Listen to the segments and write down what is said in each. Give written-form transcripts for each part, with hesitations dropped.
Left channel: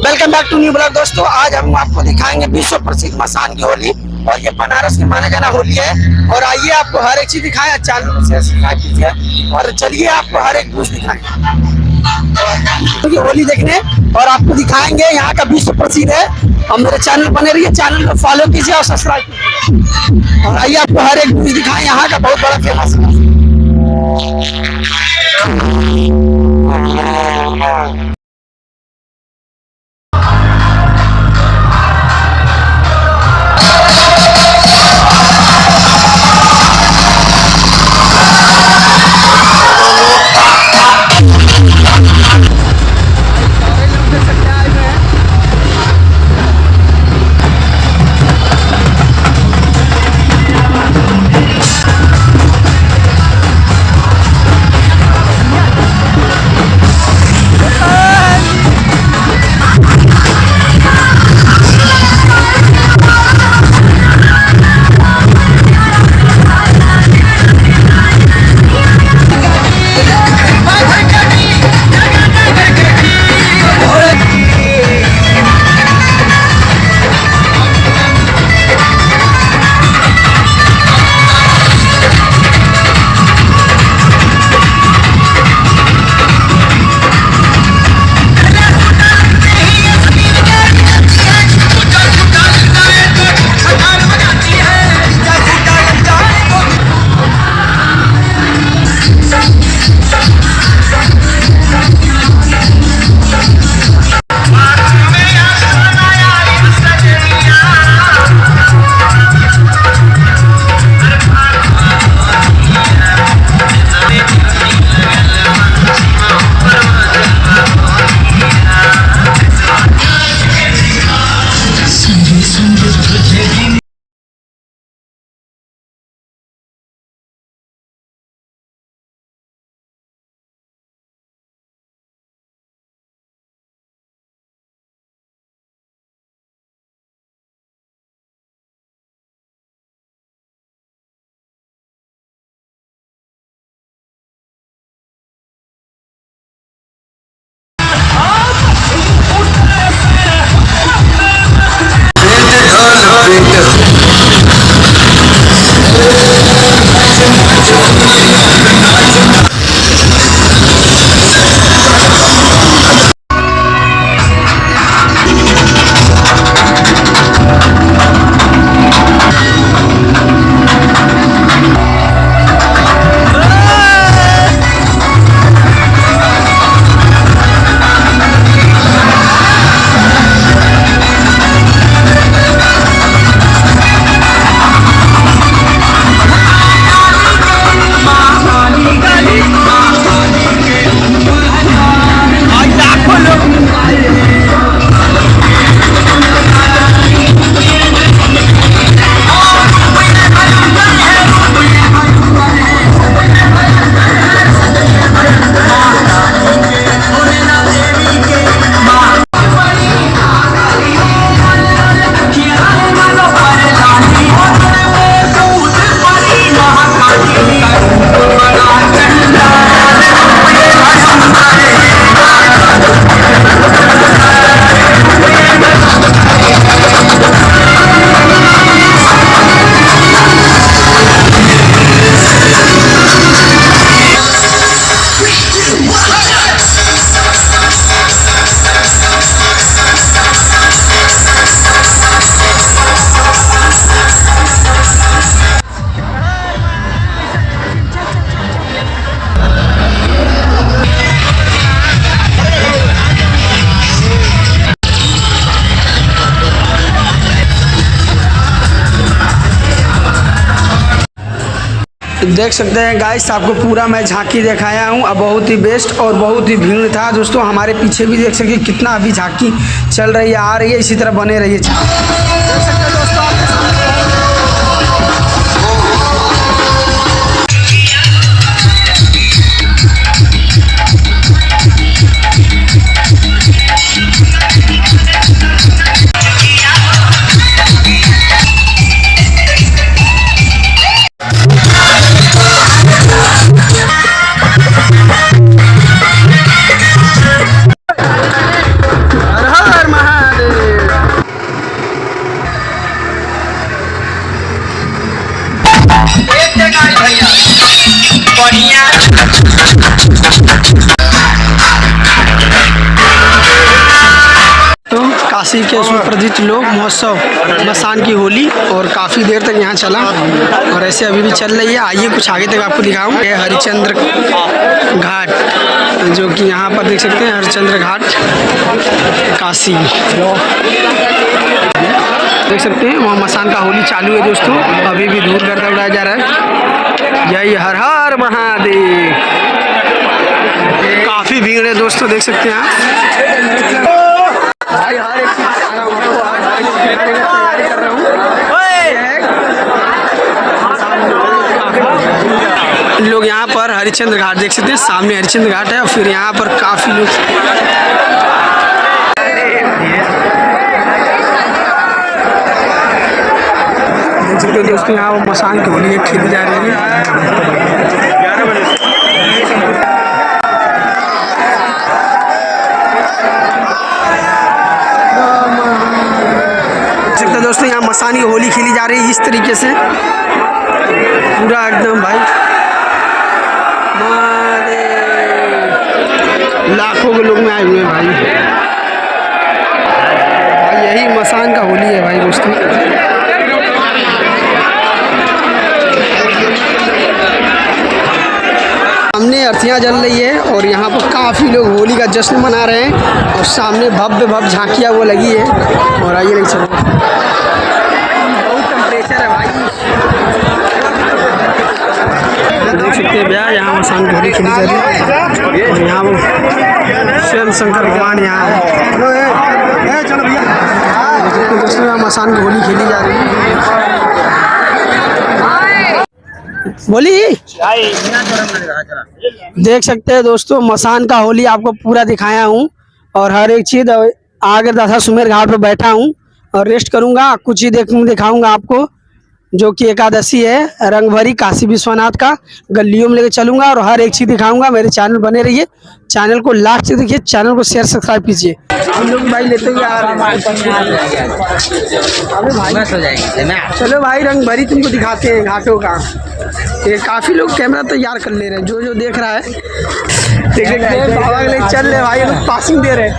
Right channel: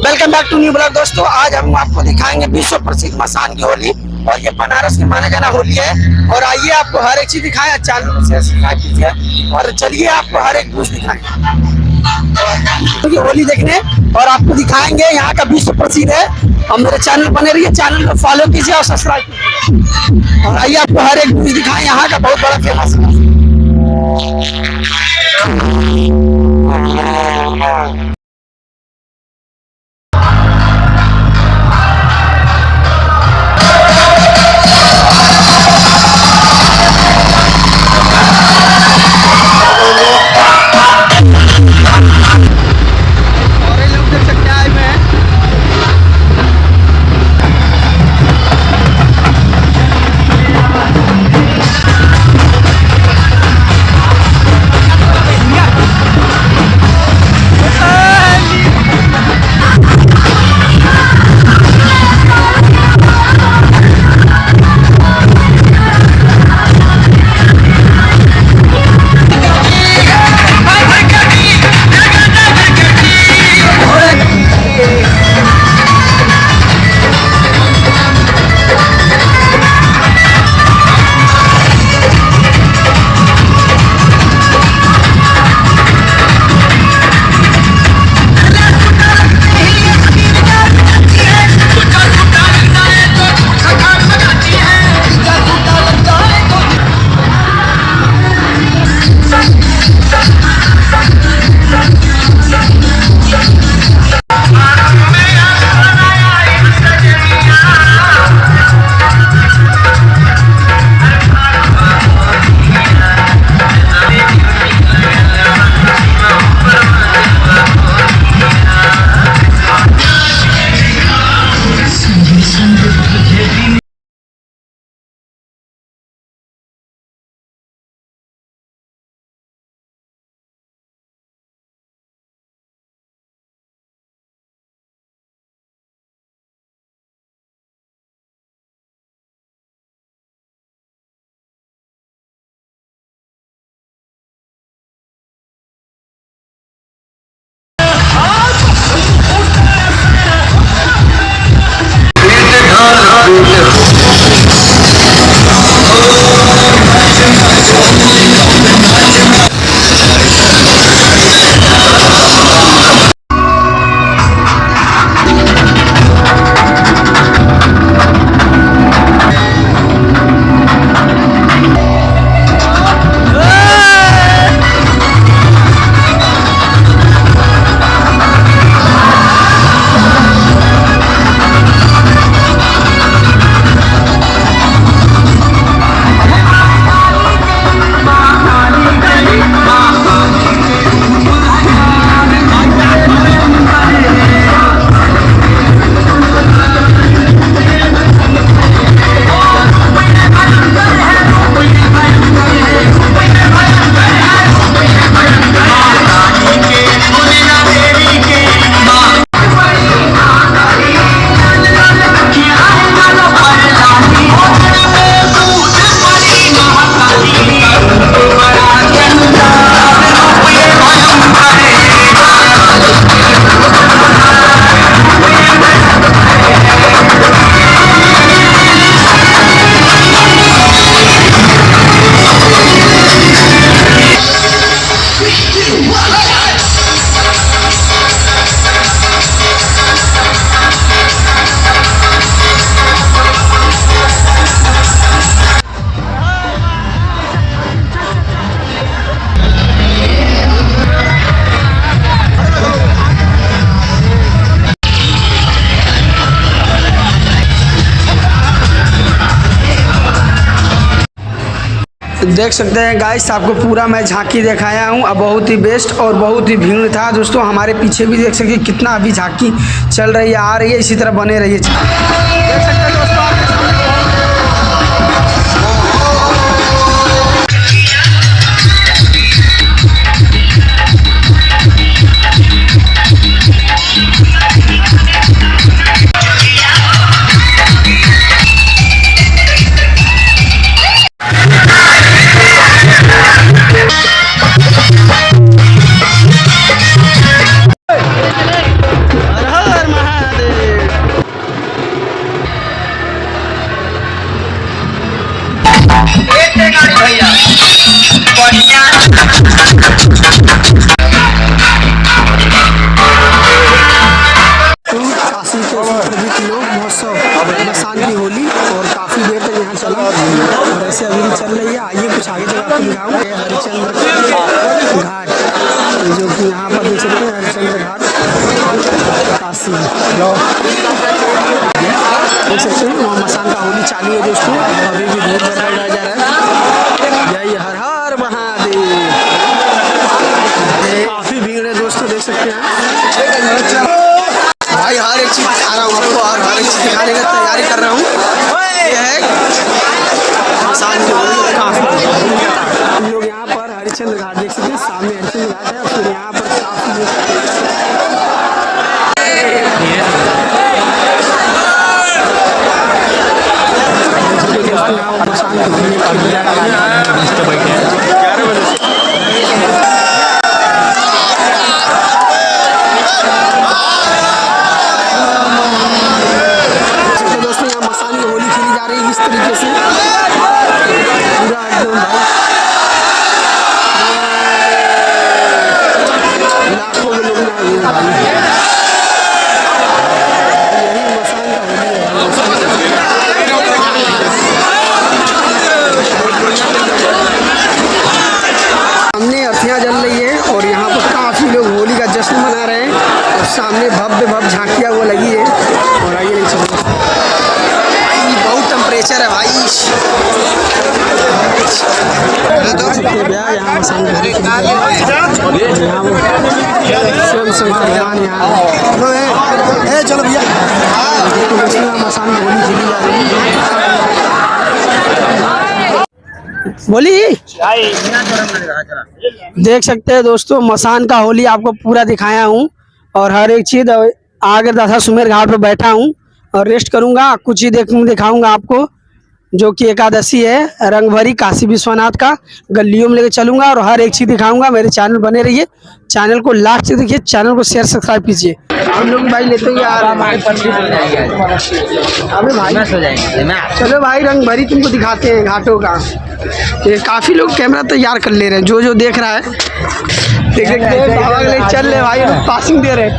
Welcome back to new blog दोस्तों। आज हम आपको दिखाएंगे विश्व प्रसिद्ध मसान की होली, और ये बनारस की माना जाना होली है। और आइए आपको हर एक चीज दिखाएं, चालू से सब्सक्राइब कीजिए और चलिए आपको हर एक बूथ दिखाएं। तो ये होली देखने और आपको दिखाएंगे यहाँ का विश्व प्रसिद्ध है। और मेरे चैनल बने रहिए, चैनल को फॉलो कीजिए और सब्सक्राइब कीजिए। और आइए आपको हर एक बूथ दिखाएं, यहाँ का बहुत बड़ा फेमस है। देख सकते हैं गाइस, आपको पूरा मैं झांकी दिखाया हूँ। अब बहुत ही बेस्ट और बहुत ही भीड़ था दोस्तों। हमारे पीछे भी देख सकते हैं कितना अभी झांकी चल रही है, आ रही है। इसी तरह बने रहिए। देख सकते हैं दोस्तों आपके सामने हर हर तो काशी के सुप्रसिद्ध लोक महोत्सव मसान की होली और काफ़ी देर तक यहाँ चला और ऐसे अभी भी चल रही है। आइए कुछ आगे तक आपको दिखाऊँ। ये हरिश्चंद्र घाट, जो कि यहाँ पर देख सकते हैं, हरिश्चंद्र घाट काशी देख सकते हैं। वहाँ मसान का होली चालू है दोस्तों, अभी भी धूप गर्दा उड़ाया जा रहा है। जय हर हर महादेव। काफ़ी भीड़ है दोस्तों, देख सकते हैं आप। भाई हर एक चीज़ दिखा रहा हूँ आपको और हर एक चीज़ दिखाने का तैयारी कर रहा हूँ। ये है मसान की होली। काफ़ी लोग यहाँ पर हरिश्चंद्र घाट देख सकते हैं, सामने हरिश्चंद्र घाट है और फिर यहाँ पर काफ़ी लोग दोस्तों यहाँ वो मसान की होली खेली जा रही है। दोस्तों यहाँ मसान की होली खेली जा रही है इस तरीके से, पूरा एकदम भाई लाखों के लोग में आए हुए हैं भाई। यही मसान का होली है भाई दोस्तों। सामने अर्थियाँ जल रही है और यहाँ पर काफ़ी लोग होली का जश्न मना रहे हैं और सामने भव्य झांकियाँ वो लगी है। और आइए नहीं चलो, बहुत टेम्परेचर है भाई। देख सकते हैं भैया यहाँ मसान की होली खेली जा रही है और यहाँ वो स्वयं शंकर भगवान यहाँ है। चलो भैया दोस्तों यहाँ मसान की होली खेली जा रही है। बोली देख सकते हैं दोस्तों, मसान का होली आपको पूरा दिखाया हूँ और हर एक चीज़ आगे दशाश्वमेध घाट पर बैठा हूँ और रेस्ट करूँगा। कुछ ही दिखाऊंगा आपको, जो कि एकादशी है रंग भरी काशी विश्वनाथ का, गलियों में लेके चलूँगा और हर एक चीज़ दिखाऊंगा। मेरे चैनल बने रहिए, चैनल को लास्ट से देखिए, चैनल को शेयर सब्सक्राइब कीजिए। हम लोग भाई लेते हैं यार, अबे भाई चलो भाई रंग भरी तुमको दिखाते हैं घाटों का। ये काफ़ी लोग कैमरा तैयार कर ले रहे हैं, जो देख रहा है देख सकते हैं। बाबा के लिए चल रहे भाई, लोग पासिंग दे रहे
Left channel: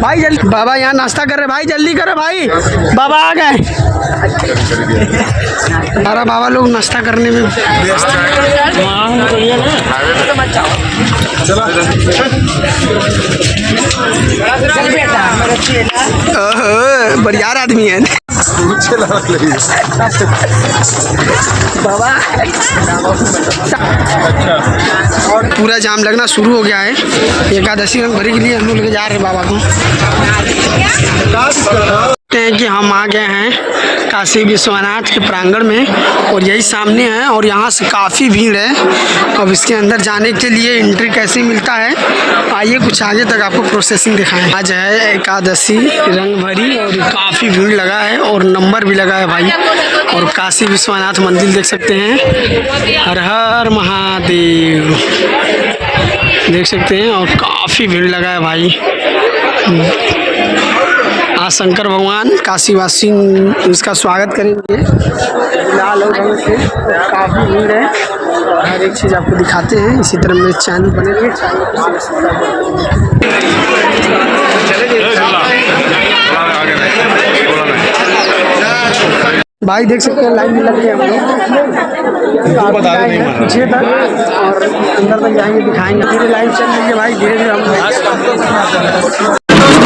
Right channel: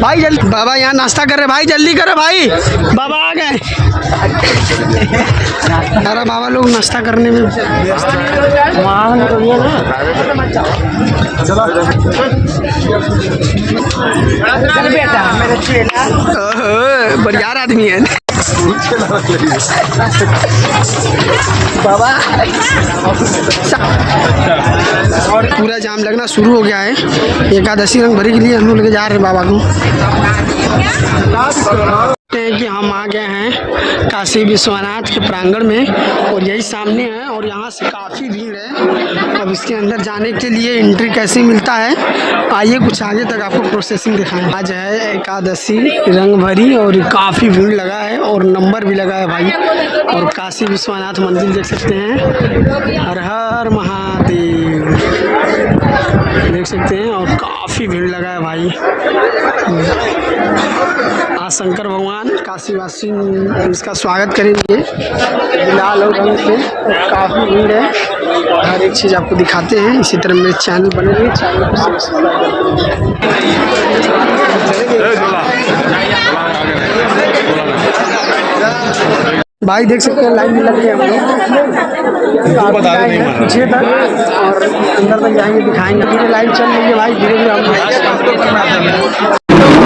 भाई। जल्दी बाबा यहाँ नाश्ता कर रहे भाई, जल्दी करो भाई, बाबा आ गए। हमारा बाबा लोग नाश्ता करने में व्यस्त है। बढ़िया आदमी है बाबा। पूरा जाम लगना शुरू हो गया है। एकादशी रंग भरी के लिए हम लोग लेके जा रहे हैं बाबा को। हैं कि हम आ गए हैं काशी विश्वनाथ के प्रांगण में और यही सामने है और यहाँ से काफ़ी भीड़ है। अब इसके अंदर जाने के लिए एंट्री कैसे मिलता है, आइए कुछ आगे तक आपको प्रोसेसिंग दिखाएं। आज है एकादशी रंग भरी और काफ़ी भीड़ लगा है और नंबर भी लगा है भाई। और काशी विश्वनाथ मंदिर देख सकते हैं, हर हर महादेव देख सकते हैं और काफ़ी भीड़ लगा है भाई। आज शंकर भगवान काशीवासी इसका स्वागत करेंगे लाल और रंग से और काफ़ी भीड़ है और हर एक चीज़ आपको दिखाते हैं। इसी तरह मेरे चैनल बने रहिए, चैनल को सब्सक्राइब कर भाई। देख सकते हैं लाइन में लग गए हम लोग पीछे तक और अंदर तक जाएंगे, दिखाएंगे। धीरे लाइन चल रही है भाई, धीरे धीरे हम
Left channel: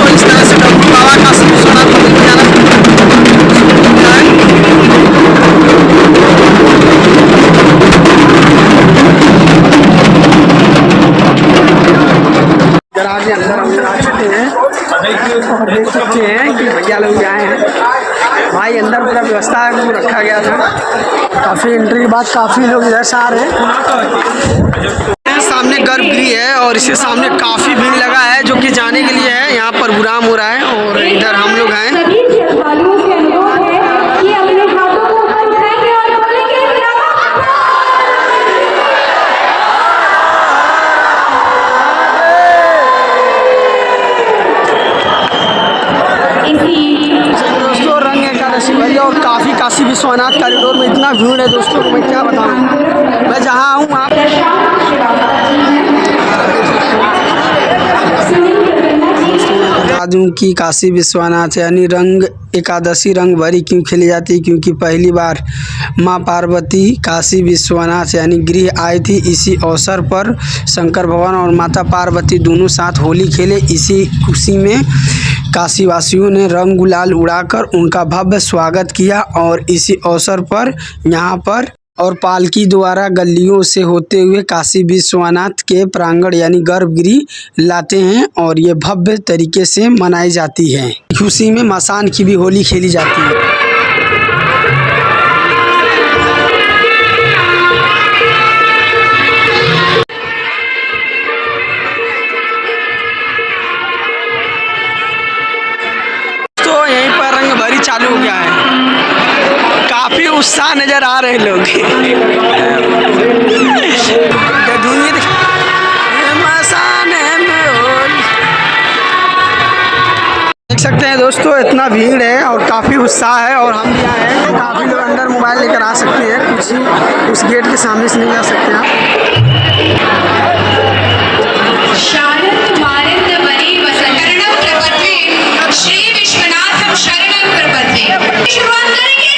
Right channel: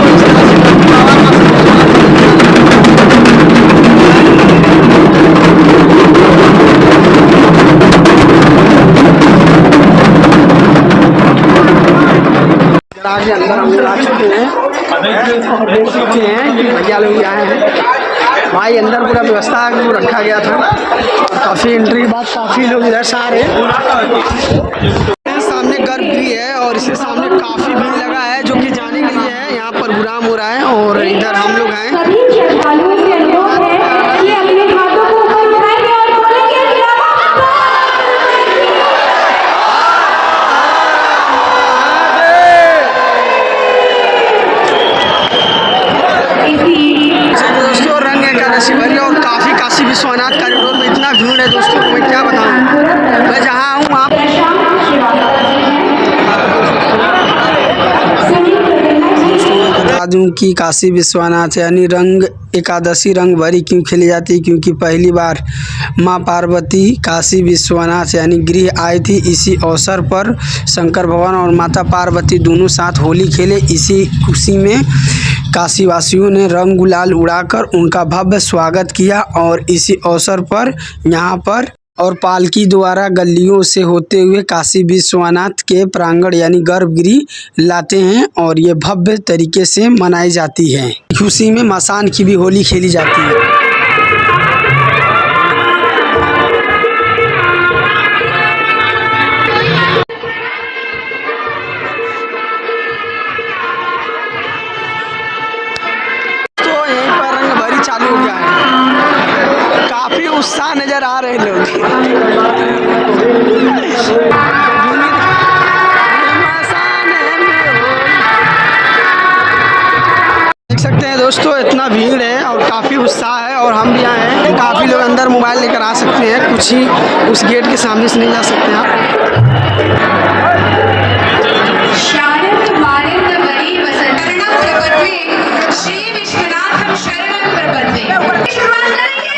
इस तरह से बाबा काशी विश्वनाथ मंदिर में जाना। इधर आगे अंदर हम लोग आ चुके हैं और देख सकते हैं कि भैया लोग आए हैं भाई। अंदर पूरा व्यवस्था रखा गया था और काफ़ी एंट्री के बाद काफ़ी लोग इधर से आ रहे हैं। सामने गर्भगृह है और इसके सामने काफ़ी भीड़ लगा है जो कि जाने के लिए है। यहाँ पर प्रोग्राम हो रहा है और इधर हम लोग हैं। दोस्तों रंग एकादशी भरी और काफ़ी काशी विश्वनाथ कॉरिडोर में इतना भीड़ है दोस्तों, मैं क्या बताऊँ। मैं जहाँ हूँ आप बता दूं कि काशी विश्वनाथ यानी रंग एकादशी रंग भरी क्यों खेली जाती है, क्योंकि पहली बार मां पार्वती काशी विश्वनाथ यानी गृह आई थी। इसी अवसर पर शंकर भगवान और माता पार्वती दोनों साथ होली खेले। इसी खुशी में काशी वासियों ने रंग गुलाल उड़ाकर उनका भव्य स्वागत किया और इसी अवसर पर यहाँ पर और पालकी द्वारा गलियों से होते हुए काशी विश्वनाथ के प्रांगण यानी गर्भगृह लाते हैं और ये भव्य तरीके से मनाई जाती है। खुशी में मसान की भी होली खेली जाती है। तो यहीं पर रंग भरी चालू हो गया है, काफी उत्साह नजर आ रहे लोग। देख सकते हैं दोस्तों, इतना भीड़ है और काफ़ी उत्साह है और हम भी आए हैं। काफ़ी लोग अंदर मोबाइल लेकर आ सकते हैं, कुछ ही उस गेट के सामने से नहीं जा सकते हैं आप। श्री विश्वनाथ शरणं प्रपद्ये। शुरुआत करेंगे।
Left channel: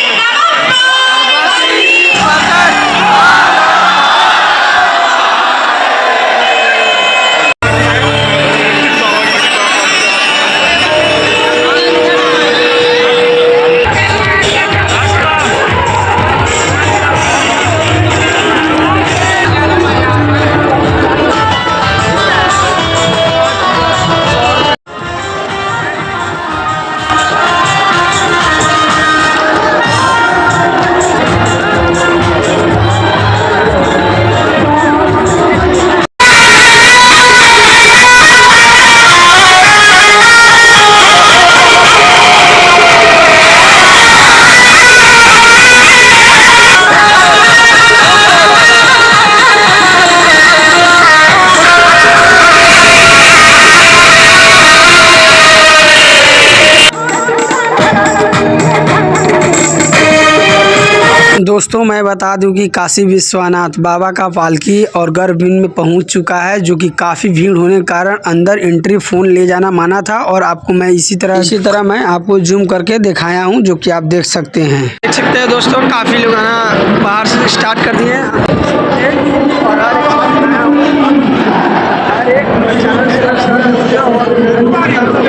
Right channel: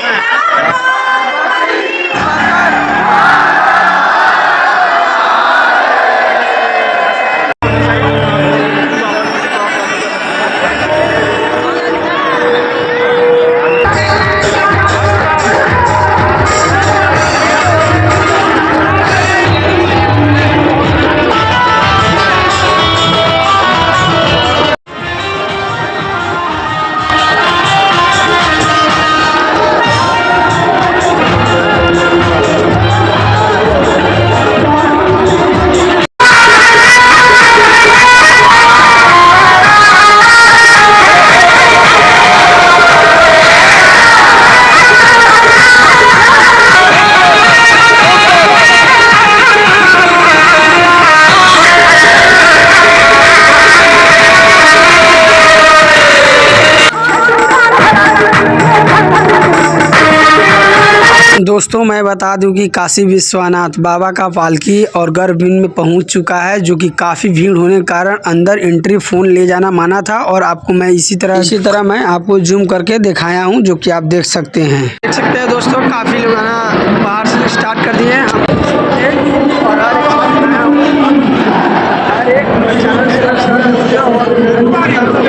दोस्तों मैं बता दूं कि काशी विश्वनाथ बाबा का पालकी और गर्भगृह में पहुंच चुका है, जो कि काफ़ी भीड़ होने के कारण अंदर एंट्री फ़ोन ले जाना माना था और आपको मैं इसी तरह मैं आपको जूम करके दिखाया हूं, जो कि आप देख सकते हैं दोस्तों। काफ़ी लोग आना बाहर से स्टार्ट कर दिए हैं और